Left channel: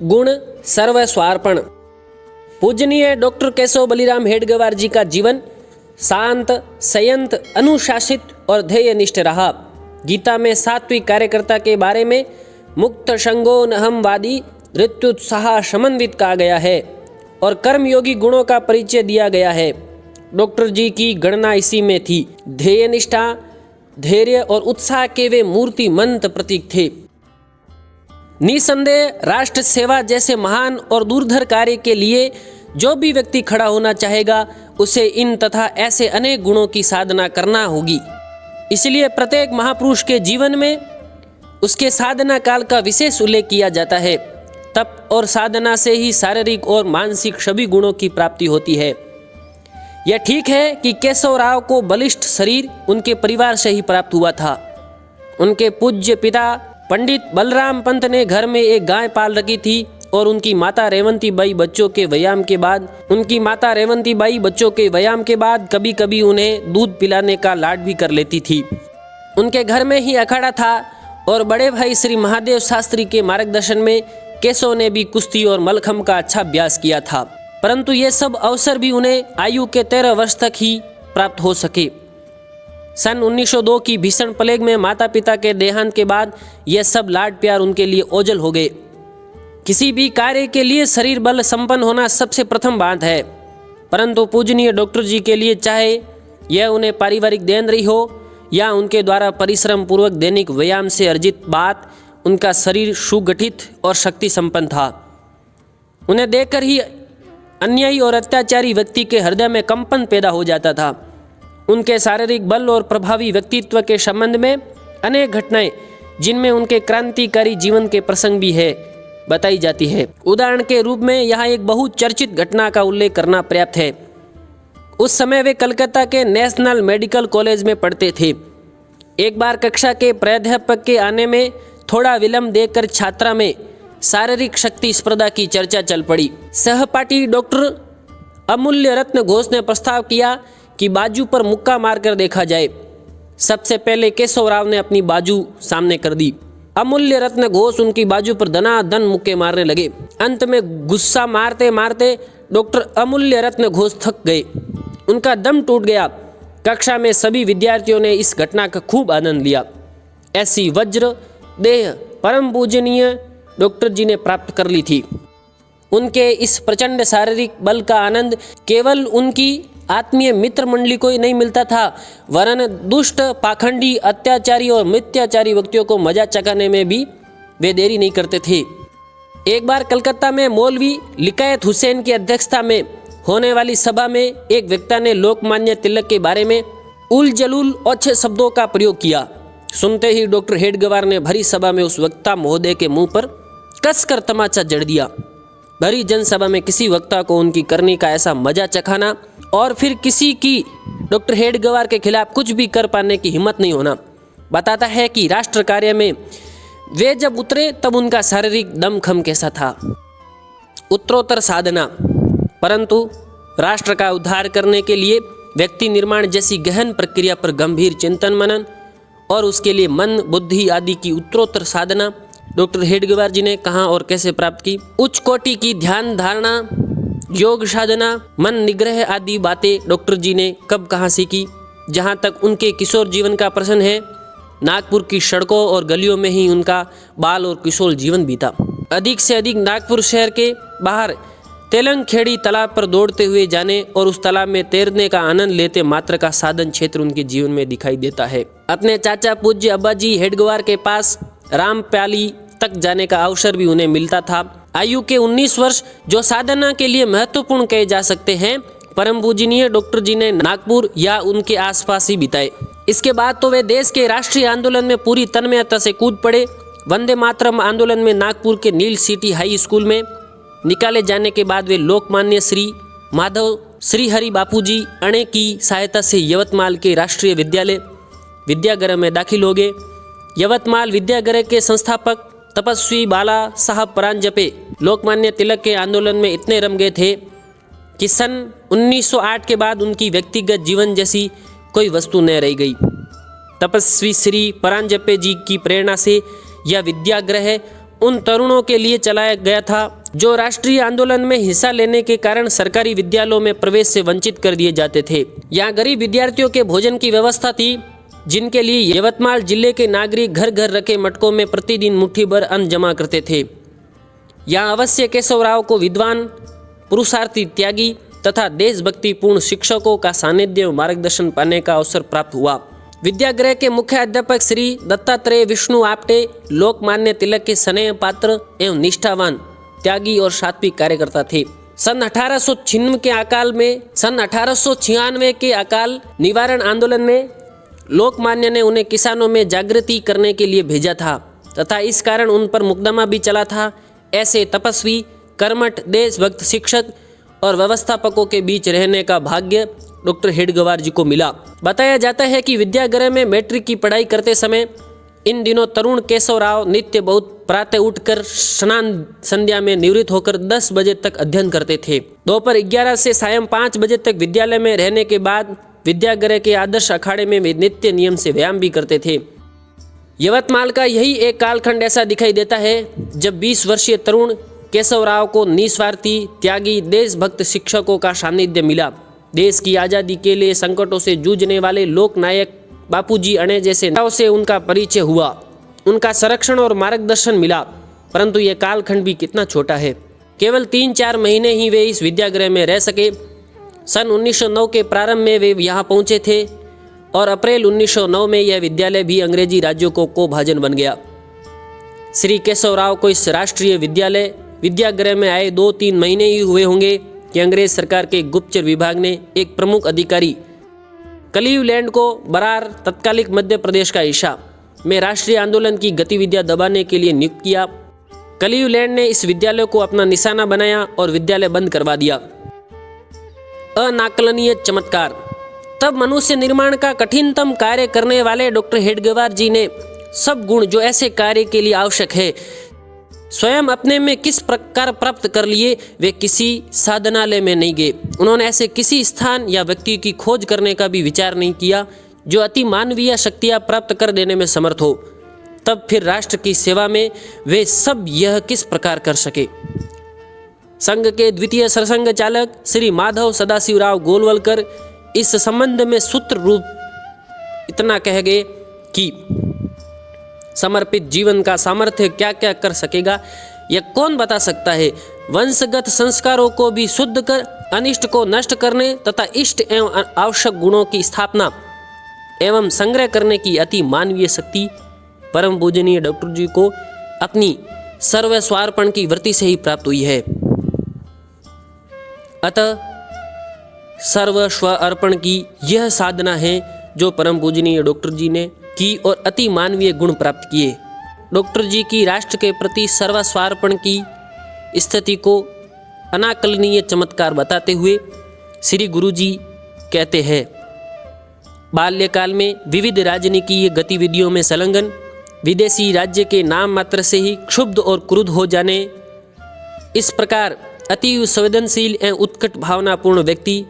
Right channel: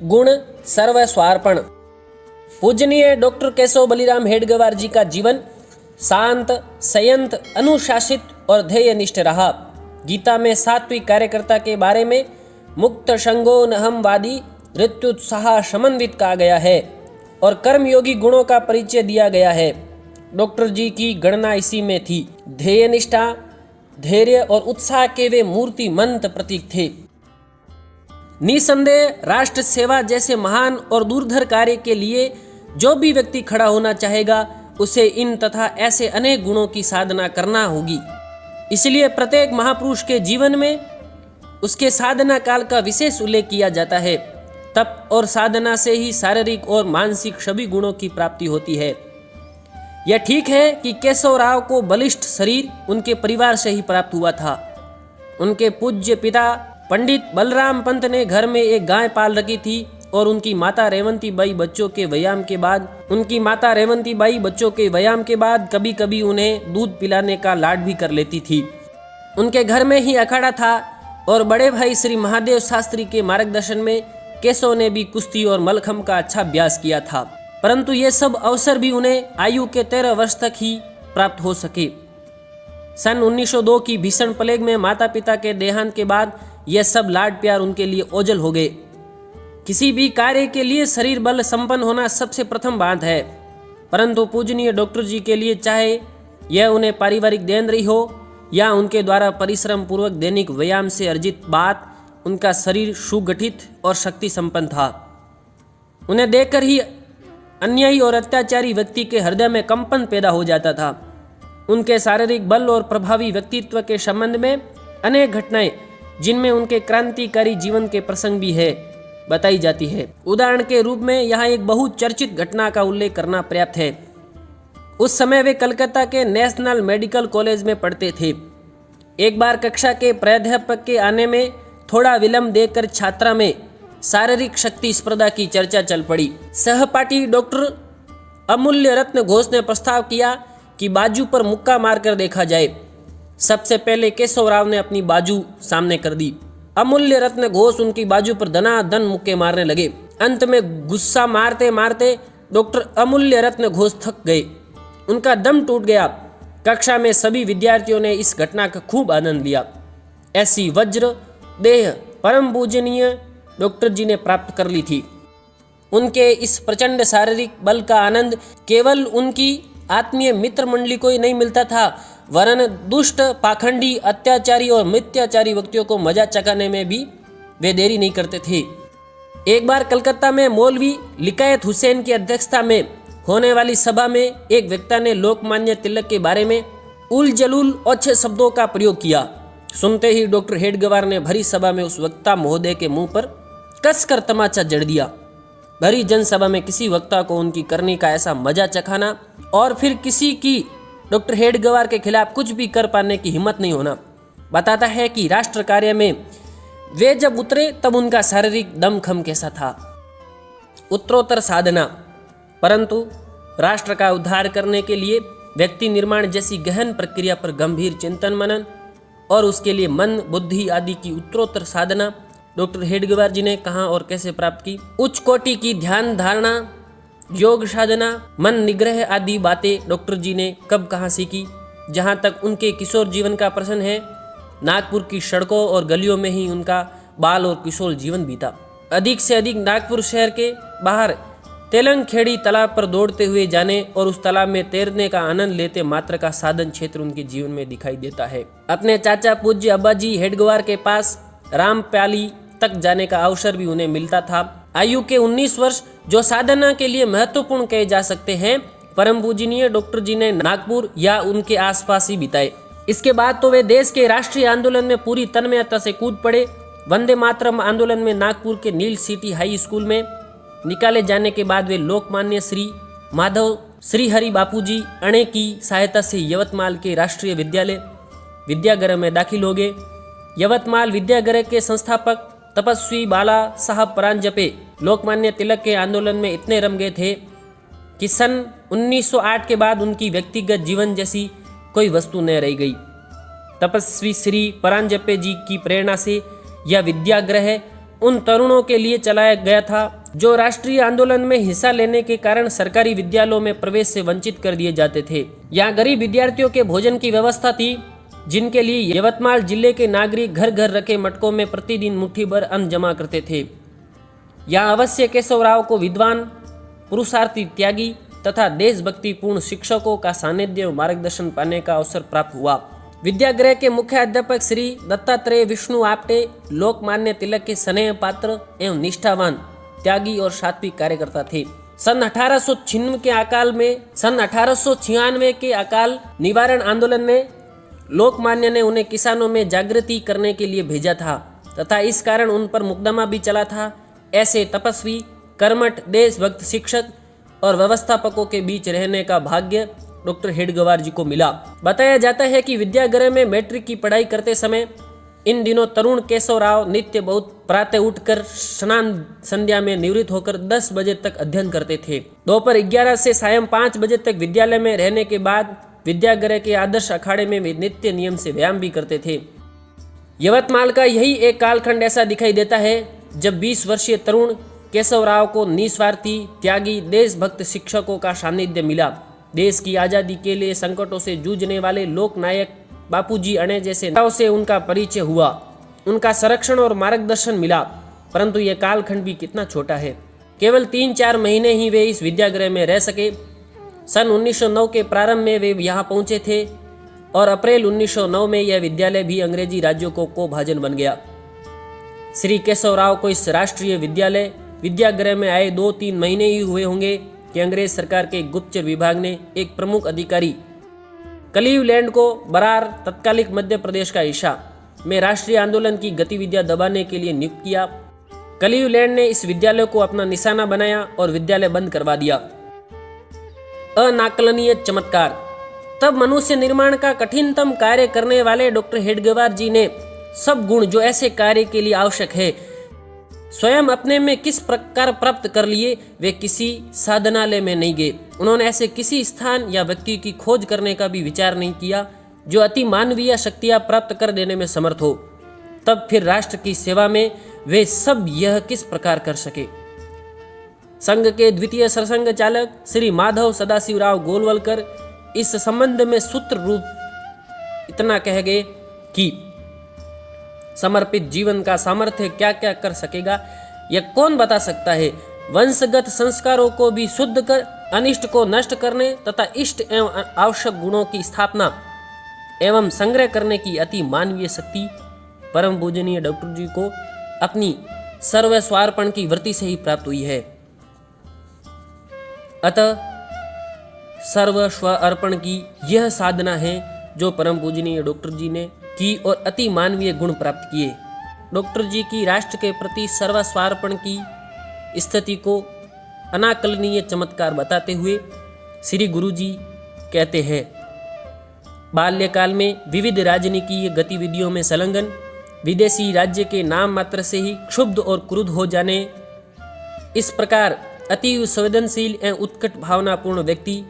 गुण सर्वस्वार्पण। पूजनीय डॉक्टर केशव बलिराम हेडगेवार जी का जीवन शांत, संयत, अनुशासित और ध्येयनिष्ठ रहा। गीता में सात्विक कार्यकर्ता के बारे में मुक्त संगो नहमवादी ऋत्युत्साह समन्वित कहा गया है और कर्मयोगी गुणों का परिचय दिया गया है। डॉक्टर जी की गणना इसी में थी। ध्येयनिष्ठा, धैर्य और उत्साह के वे मूर्तिमंत प्रतीक थे। निसंदेह राष्ट्र सेवा जैसे महान और दूरधर कार्य के लिए जो भी व्यक्ति खड़ा होना चाहेगा उसे इन तथा ऐसे अनेक गुणों की साधना करना होगी। इसलिए प्रत्येक महापुरुष के जीवन में उसके साधना काल का विशेष उल्लेख किया जाता है। तप और साधना से ही शारीरिक और मानसिक सभी गुणों की प्राप्ति होती है। यह ठीक है कि केशव राव को बलिष्ठ शरीर उनके परिवार से ही प्राप्त हुआ था। उनके पूज्य पिता पंडित बलराम पंत ने घर में एक गाय पाल रखी थी और उनकी माता रेवंती बाई बच्चों के व्यायाम के बाद कभी कभी उन्हें दूध पिलाने का लाड भी कर लेती थी। उनके घर में ही अखाड़ा था और बड़े भाई श्री महादेव शास्त्री के मार्गदर्शन में केशव ने भी कुश्ती और मलखम का अच्छा अभ्यास किया था, परंतु ये सब अवसर भी उन्हें आयु के 13 वर्ष तक ही प्राप्त हो सके। सन 1902 की भीषण प्लेग में माता पिता के देहांत के बाद यह सब लाड प्यार उनके लिए ओझल हो गए। किसी भी कार्य के लिए शरीर बल संपन्न होना सबसे प्रथम बात है, परंतु पूजनीय डॉक्टर जी के लिए चाहे यह उन्हें पारिवारिक देन रही हो या उनके द्वारा परिश्रम पूर्वक दैनिक व्यायाम से अर्जित बात, उनका शरीर सुगठित और शक्ति संपन्न था। उन्हें देखकर ही अन्यायी और अत्याचारी व्यक्ति के हृदय में कंपन पैदा हो जाता था। उनके शारीरिक बल और प्रभावी व्यक्तित्व के संबंध में अनेक घटनाएं, जिनमें उनके क्रांतिकारी जीवन के प्रसंग भी है, बताई जाती है। उदाहरण के रूप में यहाँ एक बहुचर्चित घटना का उल्लेख करना पर्याप्त है। उस समय वे कलकत्ता के नेशनल मेडिकल कॉलेज में पढ़ते थे। एक बार कक्षा के प्राध्यापक के आने में थोड़ा विलंब देखकर छात्रा में शारीरिक शक्ति स्पर्धा की चर्चा चल पड़ी। सहपाठी डॉक्टर अमूल्य रत्न घोष ने प्रस्ताव किया कि बाजू पर मुक्का मारकर देखा जाए। सबसे पहले केशव राव ने अपनी बाजू सामने कर दी। अमूल्य रत्न घोष उनकी बाजू पर दनादन मुक्के मारने लगे। अंत में गुस्सा मारते मारते डॉक्टर अमूल्य रत्न घोष थक गए, उनका दम टूट गया। कक्षा में सभी विद्यार्थियों ने इस घटना का खूब आनंद लिया। ऐसी वज्र देह परम पूजनीय डॉक्टर जी ने प्राप्त कर ली थी। उनके इस प्रचंड शारीरिक बल का आनंद केवल उनकी आत्मीय मित्र मंडली को ही नहीं मिलता था, वरन दुष्ट, पाखंडी, अत्याचारी और मिथ्याचारी व्यक्तियों को मजा चखाने में भी वे देरी नहीं करते थे। एक बार कलकत्ता में मौलवी लिकायत हुसैन की अध्यक्षता में होने वाली सभा में एक वक्ता ने लोकमान्य तिलक के बारे में उल जलूल अच्छे शब्दों का प्रयोग किया। सुनते ही डॉक्टर हेडगेवार ने भरी सभा में उस वक्ता महोदय के मुंह पर कसकर तमाचा जड़ दिया। भरी जनसभा में किसी वक्ता को उनकी करनी का ऐसा मजा चखाना और फिर किसी की डॉक्टर हेडगेवार के खिलाफ कुछ भी कर पाने की हिम्मत नहीं होना बताता है कि राष्ट्र कार्य में वे जब उतरे तब उनका शारीरिक दमखम कैसा था। उत्तरोत्तर साधना, परंतु राष्ट्र का उद्धार करने के लिए व्यक्ति निर्माण जैसी गहन प्रक्रिया पर गंभीर चिंतन मनन और उसके लिए मन, बुद्धि आदि की उत्तरोत्तर साधना डॉक्टर हेडगेवार जी ने कहाँ और कैसे प्राप्त की। उच्च कोटि की ध्यान धारणा, योग साधना, मन निग्रह आदि बातें डॉक्टर जी ने कब कहाँ सीखी। जहाँ तक उनके किशोर जीवन का प्रश्न है, नागपुर की सड़कों और गलियों में ही उनका बाल और किशोर जीवन बीता। अधिक से अधिक नागपुर शहर के बाहर तेलंगखेड़ी तालाब पर दौड़ते हुए जाने और उस तालाब में तैरने का आनंद लेते मात्र का साधन क्षेत्र उनके जीवन में दिखाई देता है। अपने चाचा पूज्य अब्बाजी हेडगेवार के पास रामप्याली तक जाने का अवसर भी उन्हें मिलता था। आयु के 19 वर्ष जो साधना के लिए महत्वपूर्ण कहे जा सकते हैं, परम पूजनीय डॉक्टर जी ने नागपुर या उनके आसपास ही बिताए। इसके बाद तो वे देश के राष्ट्रीय आंदोलन में पूरी तन्मयता से कूद पड़े। वंदे मातरम आंदोलन में नागपुर के नील सिटी हाई स्कूल में निकाले जाने के बाद वे लोकमान्य श्री माधव श्रीहरि बापूजी अणे की सहायता से यवतमाल के राष्ट्रीय विद्यागृह में दाखिल हो गए। यवतमाल विद्यागृह के संस्थापक तपस्वी बाला साहब परांजपे लोकमान्य तिलक के आंदोलन में इतने रम गए थे कि सन 1908 के बाद उनकी व्यक्तिगत जीवन जैसी कोई वस्तु न रह गई। तपस्वी श्री परांजपे जी की प्रेरणा से यह विद्यागृह उन तरुणों के लिए चलाया गया था जो राष्ट्रीय आंदोलन में हिस्सा लेने के कारण सरकारी विद्यालयों में प्रवेश से वंचित कर दिए जाते थे। यहाँ गरीब विद्यार्थियों के भोजन की व्यवस्था थी, जिनके लिए यवतमाल जिले के नागरिक घर घर रखे मटकों में प्रतिदिन मुट्ठी भर अन्न जमा करते थे। यहाँ अवश्य केशवराव को विद्वान, पुरुषार्थी, त्यागी तथा देशभक्तिपूर्ण शिक्षकों का सानिध्य और मार्गदर्शन पाने का अवसर प्राप्त हुआ। विद्यागृह के मुख्य अध्यापक श्री दत्तात्रेय विष्णु आपटे लोकमान्य तिलक के स्नेह पात्र एवं निष्ठावान, त्यागी और सात्विक कार्यकर्ता थे। सन 1896 के अकाल निवारण आंदोलन में लोकमान्य ने उन्हें किसानों में जागृति करने के लिए भेजा था तथा इस कारण उन पर मुकदमा भी चला था। ऐसे तपस्वी, कर्मठ, देशभक्त शिक्षक और व्यवस्थापकों के बीच रहने का भाग्य डॉक्टर हेडगेवार जी को मिला। बताया जाता है कि विद्यागृह में मैट्रिक की पढ़ाई करते समय इन दिनों तरुण केशवराव नित्य बहुत प्रातः उठकर स्नान संध्या में निवृत्त होकर 10 बजे तक अध्ययन करते थे। दोपहर 11 से सायं 5 बजे तक विद्यालय में रहने के बाद विद्यागृह के आदर्श अखाड़े में वे नित्य नियम से व्यायाम भी करते थे। यवतमाल का यही एक कालखंड ऐसा दिखाई देता है जब 20 वर्षीय तरुण केशवराव को निस्वार्थी, त्यागी, देशभक्त शिक्षकों का सानिध्य मिला। देश की आज़ादी के लिए संकटों से जूझने वाले लोक नायक बापूजी अणे जैसे नेताओं से उनका परिचय हुआ, उनका संरक्षण और मार्गदर्शन मिला। परंतु यह कालखंड भी कितना छोटा है। केवल 3-4 महीने ही वे इस विद्यागृह में रह सके। सन 1909 के प्रारंभ में वे यहाँ पहुँचे थे और अप्रैल 1909 में यह विद्यालय भी अंग्रेजी राज्यों को भाजन बन गया। श्री केशवराव को इस राष्ट्रीय विद्यागृह में आए 2-3 महीने ही हुए होंगे कि अंग्रेज सरकार के गुप्तचर विभाग ने एक प्रमुख अधिकारी क्लीवलैंड को बरार तत्कालिक मध्य प्रदेश का हिस्सा में राष्ट्रीय आंदोलन की गतिविधियां दबाने के लिए नियुक्त किया। क्लीवलैंड ने इस विद्यालय को अपना निशाना बनाया और विद्यालय बंद करवा दिया। अनाकलनीय चमत्कार। तब मनुष्य निर्माण का कठिनतम कार्य करने वाले डॉक्टर हेडगेवार जी ने सब गुण जो ऐसे कार्य के लिए आवश्यक है स्वयं अपने में किस प्रकार प्राप्त कर लिए। वे किसी साधनालय में नहीं गए। उन्होंने ऐसे किसी स्थान या व्यक्ति की खोज करने का भी विचार नहीं किया जो अति मानवीय शक्तियां प्राप्त कर देने में समर्थ हो। तब फिर राष्ट्र की सेवा में वे सब यह किस प्रकार कर सके। संघ के द्वितीय सरसंघ चालक श्री माधव सदाशिवराव गोलवलकर इस संबंध में सूत्र रूप इतना कह गए कि समर्पित जीवन का सामर्थ्य क्या क्या कर सकेगा यह कौन बता सकता है। वंशगत संस्कारों को भी शुद्ध कर अनिष्ट को नष्ट करने तथा इष्ट एवं आवश्यक गुणों की स्थापना एवं संग्रह करने की अति मानवीय शक्ति परम पूजनीय डॉक्टर जी को अपनी सर्वस्वार्पण की वृत्ति से ही प्राप्त हुई है। अतः सर्वस्व अर्पण की यह साधना है जो परम पूजनीय डॉक्टर जी ने की और अति मानवीय गुण प्राप्त किए। डॉक्टर जी की राष्ट्र के प्रति सर्वस्वार्पण की स्थिति को अनाकलनीय चमत्कार बताते हुए श्री गुरु जी कहते हैं, बाल्यकाल में विविध राजनीतिक गतिविधियों में संलग्न, विदेशी राज्य के नाम मात्र से ही क्षुब्ध और क्रुद्ध हो जाने, इस प्रकार अति संवेदनशील एवं उत्कट भावनापूर्ण व्यक्ति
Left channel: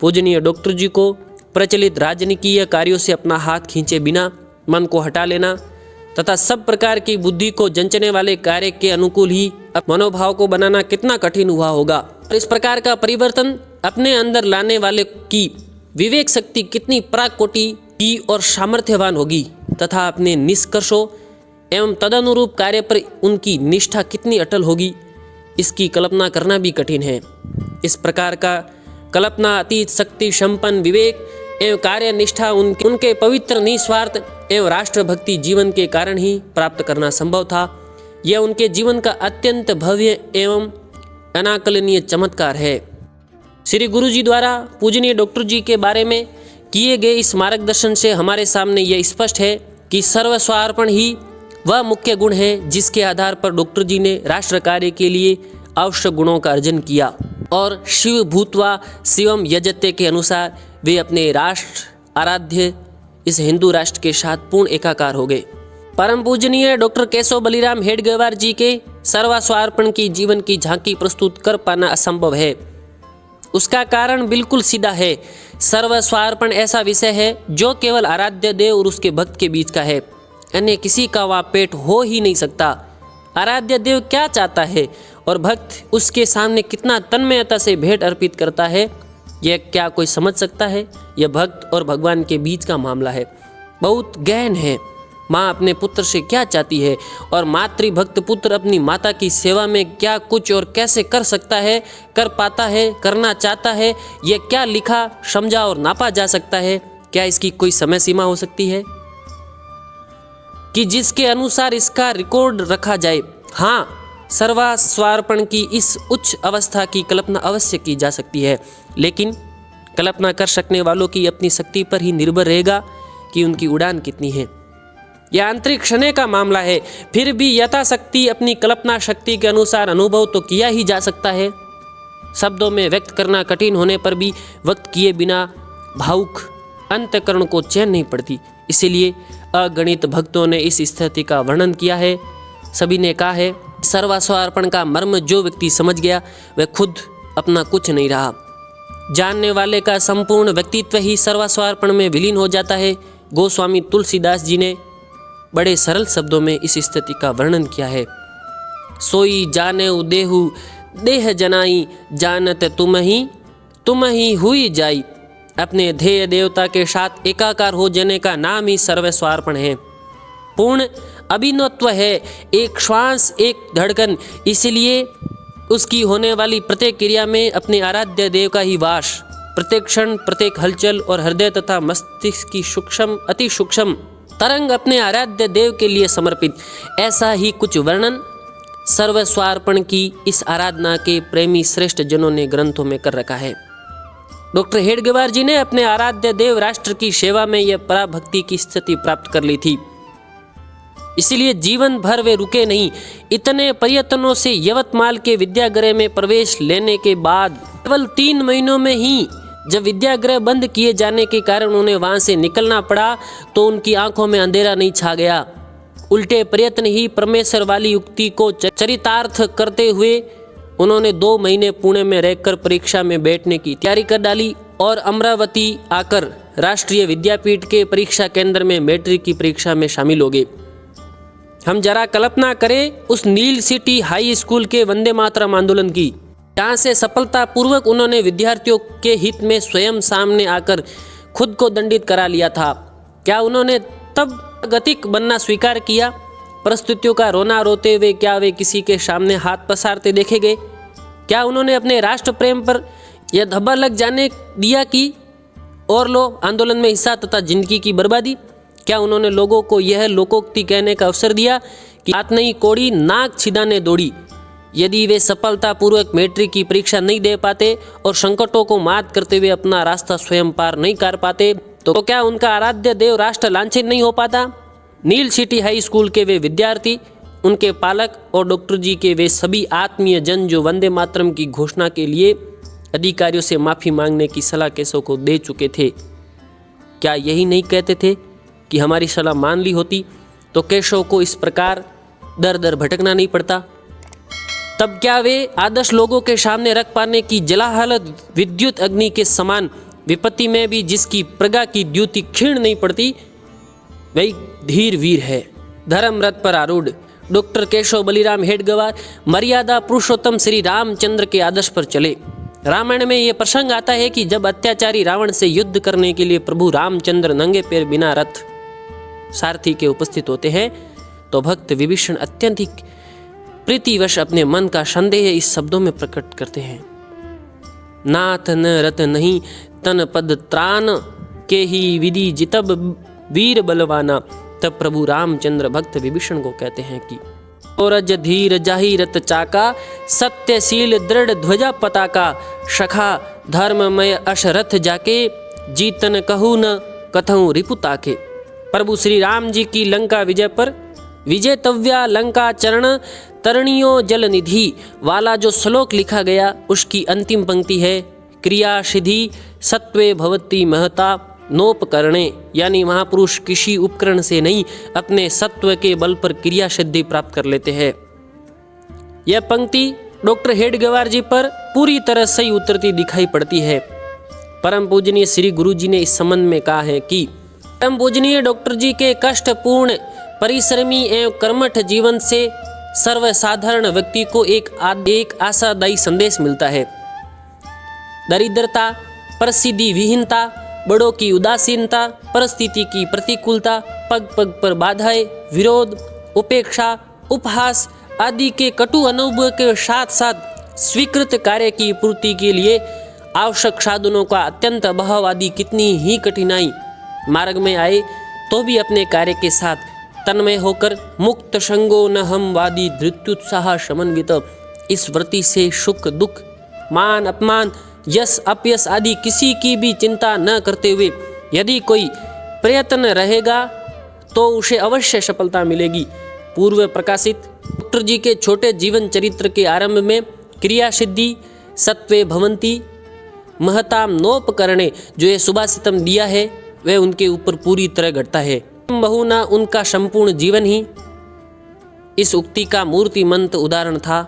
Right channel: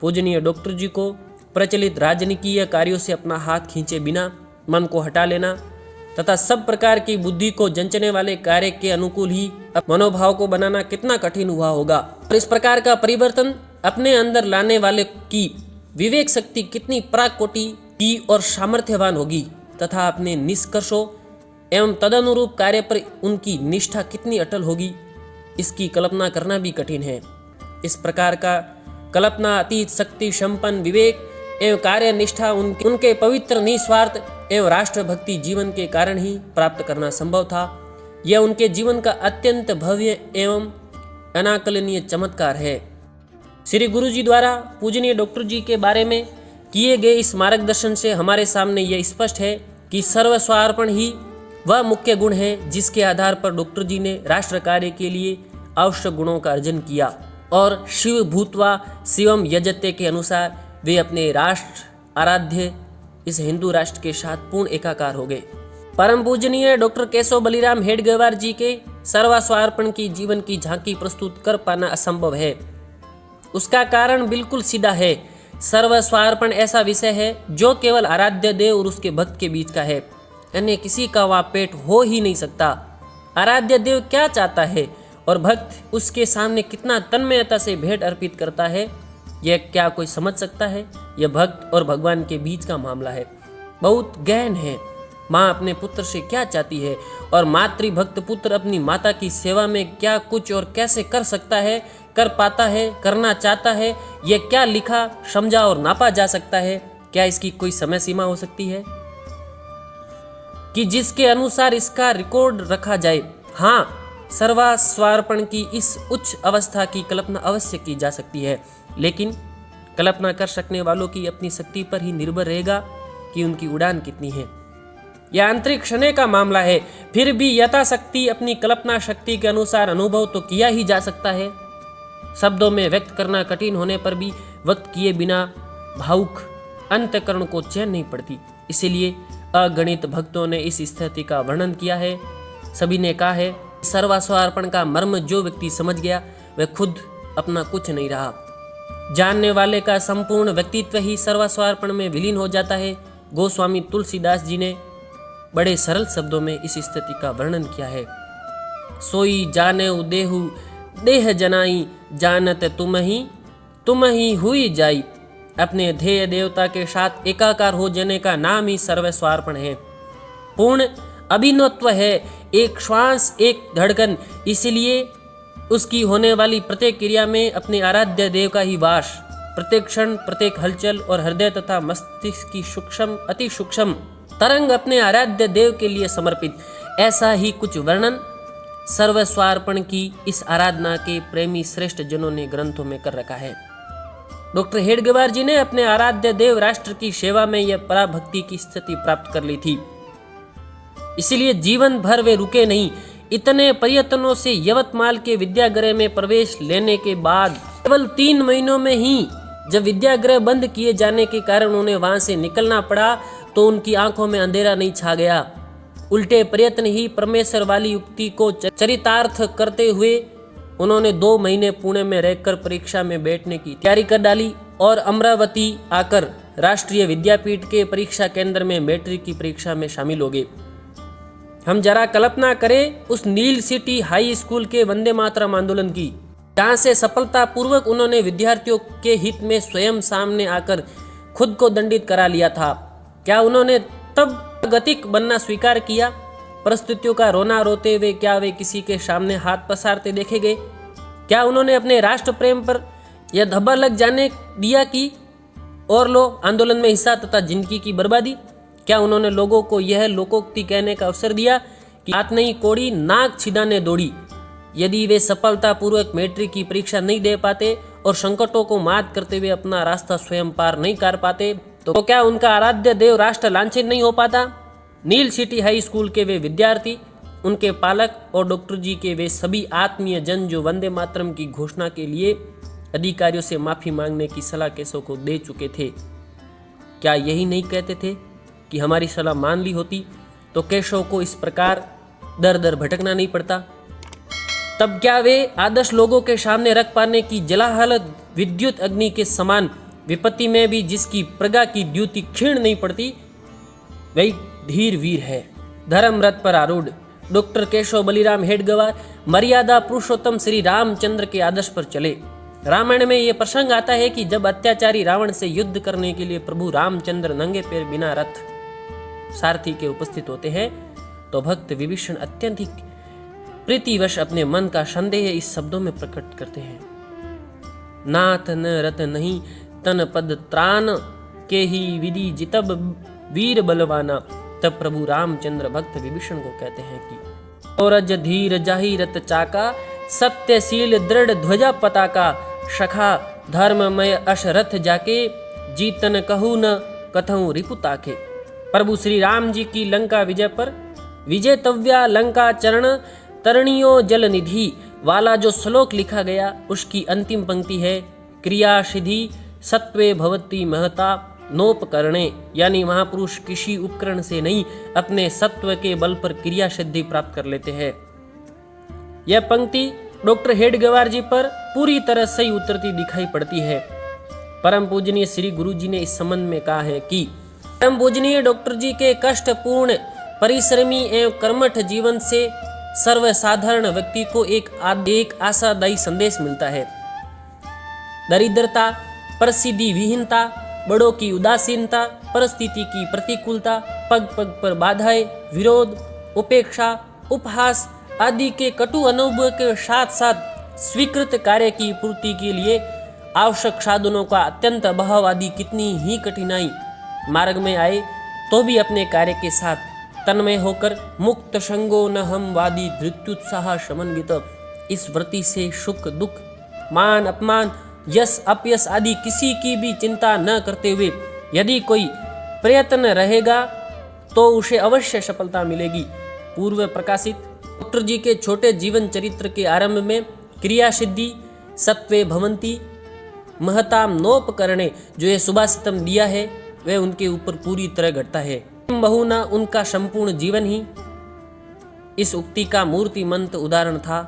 पूजनीय डॉक्टर जी को प्रचलित राजनीतिक कार्यों से अपना हाथ खींचे बिना मन को हटा लेना तथा सब प्रकार की बुद्धि को जंचने वाले कार्य के अनुकूल ही मनोभाव को बनाना कितना कठिन हुआ होगा। और इस प्रकार का परिवर्तन अपने अंदर लाने वाले की विवेक शक्ति कितनी प्राकोटि की और सामर्थ्यवान होगी तथा अपने निष्कर्षों एवं तदनुरूप कार्य पर उनकी निष्ठा कितनी अटल होगी, इसकी कल्पना करना भी कठिन है। इस प्रकार का कल्पना अतीत शक्ति संपन्न विवेक एवं कार्य निष्ठा उनके पवित्र निस्वार्थ एवं राष्ट्रभक्ति जीवन के कारण ही प्राप्त करना संभव था। यह उनके जीवन का अत्यंत भव्य एवं अनाकलनीय चमत्कार है। श्री गुरु जी द्वारा पूजनीय डॉक्टर जी के बारे में किए गए इस मार्गदर्शन से हमारे सामने यह स्पष्ट है कि सर्वस्वार्पण ही वह मुख्य गुण है जिसके आधार पर डॉक्टर जी ने राष्ट्र कार्य के लिए आवश्यक गुणों का अर्जन किया और शिव भूतवा शिवम यजते के अनुसार वे अपने राष्ट्र आराध्य इस हिंदू राष्ट्र के साथ पूर्ण एकाकार हो गए। परम पूजनीय डॉक्टर केशव बलिराम हेडगेवार जी के सर्वस्वार्पण की जीवन की झांकी प्रस्तुत कर पाना असंभव है। उसका कारण बिल्कुल सीधा है। सर्वस्वार्पण ऐसा विषय है जो केवल आराध्य देव और उसके भक्त के बीच का है, अन्य किसी का वहाँ पेट हो ही नहीं सकता। आराध्य देव क्या चाहता है और भक्त उसके सामने कितना तन्मयता से भेंट अर्पित करता है, यह क्या कोई समझ सकता है? यह भक्त और भगवान के बीच का मामला है, बहुत गहन है। माँ अपने पुत्र से क्या चाहती है और मातृभक्त पुत्र अपनी माता की सेवा में क्या कुछ और कैसे कर सकता है, कर पाता है, करना चाहता है, यह क्या लिखा, समझा और नापा जा सकता है? क्या इसकी कोई समय सीमा हो सकती है कि जिसके अनुसार इसका रिकॉर्ड रखा जाए? हाँ, सर्वस्वार्पण की इस उच्च अवस्था की कल्पना अवश्य की जा सकती है, लेकिन कल्पना कर सकने वालों की अपनी शक्ति पर ही निर्भर रहेगा कि उनकी उड़ान कितनी है। यह आंतरिक क्षण का मामला है, फिर भी यथाशक्ति अपनी कल्पना शक्ति के अनुसार अनुभव तो किया ही जा सकता है। शब्दों में व्यक्त करना कठिन होने पर भी वक्त किए बिना भावुक अंतःकरण को चैन नहीं पड़ती। इसीलिए अगणित भक्तों ने इस स्थिति का वर्णन किया है। सभी ने कहा है, सर्वस्वार्पण का मर्म जो व्यक्ति समझ गया वह खुद अपना कुछ नहीं रहा। जानने वाले का संपूर्ण व्यक्तित्व ही सर्वस्वार्पण में विलीन हो जाता है। गोस्वामी तुलसीदास जी ने बड़े सरल शब्दों में इस स्थिति का वर्णन किया है। सोई जाने देहु देह जनाई, जानत तुम ही हुई जाई। अपने ध्येय देवता के साथ एकाकार हो जाने का नाम ही सर्वस्वार्पण है। पूर्ण अभिन्नत्व है, एक श्वास एक धड़कन। इसलिए उसकी होने वाली प्रत्येक क्रिया में अपने आराध्य देव का ही वास, प्रत्येक क्षण प्रत्येक हलचल और हृदय तथा मस्तिष्क की सूक्ष्म अति सूक्ष्म तरंग अपने आराध्य देव के लिए समर्पित। ऐसा ही कुछ वर्णन सर्वस्वार्पण की इस आराधना के प्रेमी श्रेष्ठ जनों ने ग्रंथों में कर रखा है। डॉक्टर हेडगेवार जी ने अपने आराध्य देव राष्ट्र की सेवा में यह पराभक्ति की स्थिति प्राप्त कर ली थी। इसलिए जीवन भर वे रुके नहीं। इतने प्रयत्नों से यवतमाल के विद्यागृह में प्रवेश लेने के बाद केवल 3 महीनों में ही जब विद्यागृह बंद किए जाने के कारण उन्हें वहां से निकलना पड़ा, तो उनकी आंखों में अंधेरा नहीं छा गया। उल्टे प्रयत्न ही परमेश्वर वाली युक्ति को चरितार्थ करते हुए उन्होंने 2 महीने पुणे में रहकर परीक्षा में बैठने की तैयारी कर डाली और अमरावती आकर राष्ट्रीय विद्यापीठ के परीक्षा केंद्र में मैट्रिक की परीक्षा में शामिल हो गए। हम जरा कल्पना करें उस नील सिटी हाई स्कूल के वंदे मातरम आंदोलन की, जहाँ से सफलता पूर्वक उन्होंने विद्यार्थियों के हित में स्वयं सामने आकर खुद को दंडित करा लिया था। क्या उन्होंने तब गतिक बनना स्वीकार किया? परिस्थितियों का रोना रोते हुए क्या वे किसी के सामने हाथ पसारते देखे गए? क्या उन्होंने अपने राष्ट्र प्रेम पर यह धब्बा लग जाने दिया कि और लो आंदोलन में हिस्सा तथा जिंदगी की बर्बादी? क्या उन्होंने लोगों को यह लोकोक्ति कहने का अवसर दिया कि हाथ नहीं कोड़ी नाक छिदाने दौड़ी? यदि वे सफलतापूर्वक मैट्रिक की परीक्षा नहीं दे पाते और संकटों को मात करते हुए अपना रास्ता स्वयं पार नहीं कर पाते, तो क्या उनका आराध्य देव राष्ट्र लांछित नहीं हो पाता? नील सिटी हाई स्कूल के वे विद्यार्थी, उनके पालक और डॉक्टर जी के वे सभी आत्मीय जन जो वंदे मातरम की घोषणा के लिए अधिकारियों से माफी मांगने की सलाह केशव को दे चुके थे, क्या यही नहीं कहते थे कि हमारी सलाह मान ली होती तो केशव को इस प्रकार दर दर भटकना नहीं पड़ता? तब क्या वे आदर्श लोगों के सामने रख पाने की जलाहालत विद्युत अग्नि के समान विपत्ति में भी जिसकी प्रगा की द्युति क्षीण नहीं पड़ती, वही धीर वीर है। धर्म रथ पर आरूढ़ डॉक्टर केशव बलिराम हेडगेवार मर्यादा पुरुषोत्तम श्री रामचंद्र के आदर्श पर चले। रामायण में यह प्रसंग आता है कि जब अत्याचारी रावण से युद्ध करने के लिए प्रभु रामचंद्र नंगे पैर बिना रथ सारथी के उपस्थित होते हैं, तो भक्त विभीषण अत्यधिक प्रीतिवश अपने मन का संदेह इस शब्दों में प्रकट करते हैं, नाथ न रत नहीं तन पद त्राण के ही विधि जितब वीर बलवाना। तब प्रभु रामचंद्र भक्त विभीषण को कहते हैं कि औरज धीर जाहि रत चाका, सत्यशील दृढ़ ध्वजा पताका, शखा धर्ममय अशरथ जाके, जीतन कहू न कथऊ रिपुता के। प्रभु श्री राम जी की लंका विजय पर विजयतव्या लंका चरण तरणियों जल निधि वाला जो श्लोक लिखा गया, उसकी अंतिम पंक्ति है, क्रिया सिद्धि सत्वे भवती महता नोपकरणे, यानी महापुरुष किसी उपकरण से नहीं अपने सत्व के बल पर क्रिया सिद्धि प्राप्त कर लेते हैं। यह पंक्ति डॉक्टर हेडगेवार जी पर पूरी तरह सही उतरती दिखाई पड़ती है। परम पूजनीय श्री गुरु जी ने इस संबंध में कहा है कि परम पूजनीय डॉक्टर जी के कष्टपूर्ण परिश्रमी एवं कर्मठ जीवन से सर्वसाधारण व्यक्ति को एक आशादायी संदेश मिलता है। दरिद्रता, प्रसिद्धि विहीनता, बड़ों की उदासीनता, परिस्थिति की प्रतिकूलता, पग पग पर बाधाएं, विरोध, उपेक्षा, उपहास आदि के कटु अनुभव के साथ साथ स्वीकृत कार्य की पूर्ति के लिए आवश्यक साधनों का अत्यंत अभाव आदि कितनी ही कठिनाई मार्ग में आए तो भी अपने कार्य के साथ तन्मय होकर मुक्त संगो न हम वादी धृत्युत्साह समन्वित इस वृत्ति से सुख दुख, मान अपमान, यश अपयश आदि किसी की भी चिंता न करते हुए यदि कोई प्रयत्न रहेगा तो उसे अवश्य सफलता मिलेगी। पूर्व प्रकाशित डॉक्टर जी के छोटे जीवन चरित्र के आरंभ में क्रिया सिद्धि सत्वे भवंती महताम नोपकरणे जो ये सुभाषितम दिया है वह उनके ऊपर पूरी तरह घटता है। बहुना उनका संपूर्ण जीवन ही इस उक्ति का मूर्तिमंत उदाहरण था।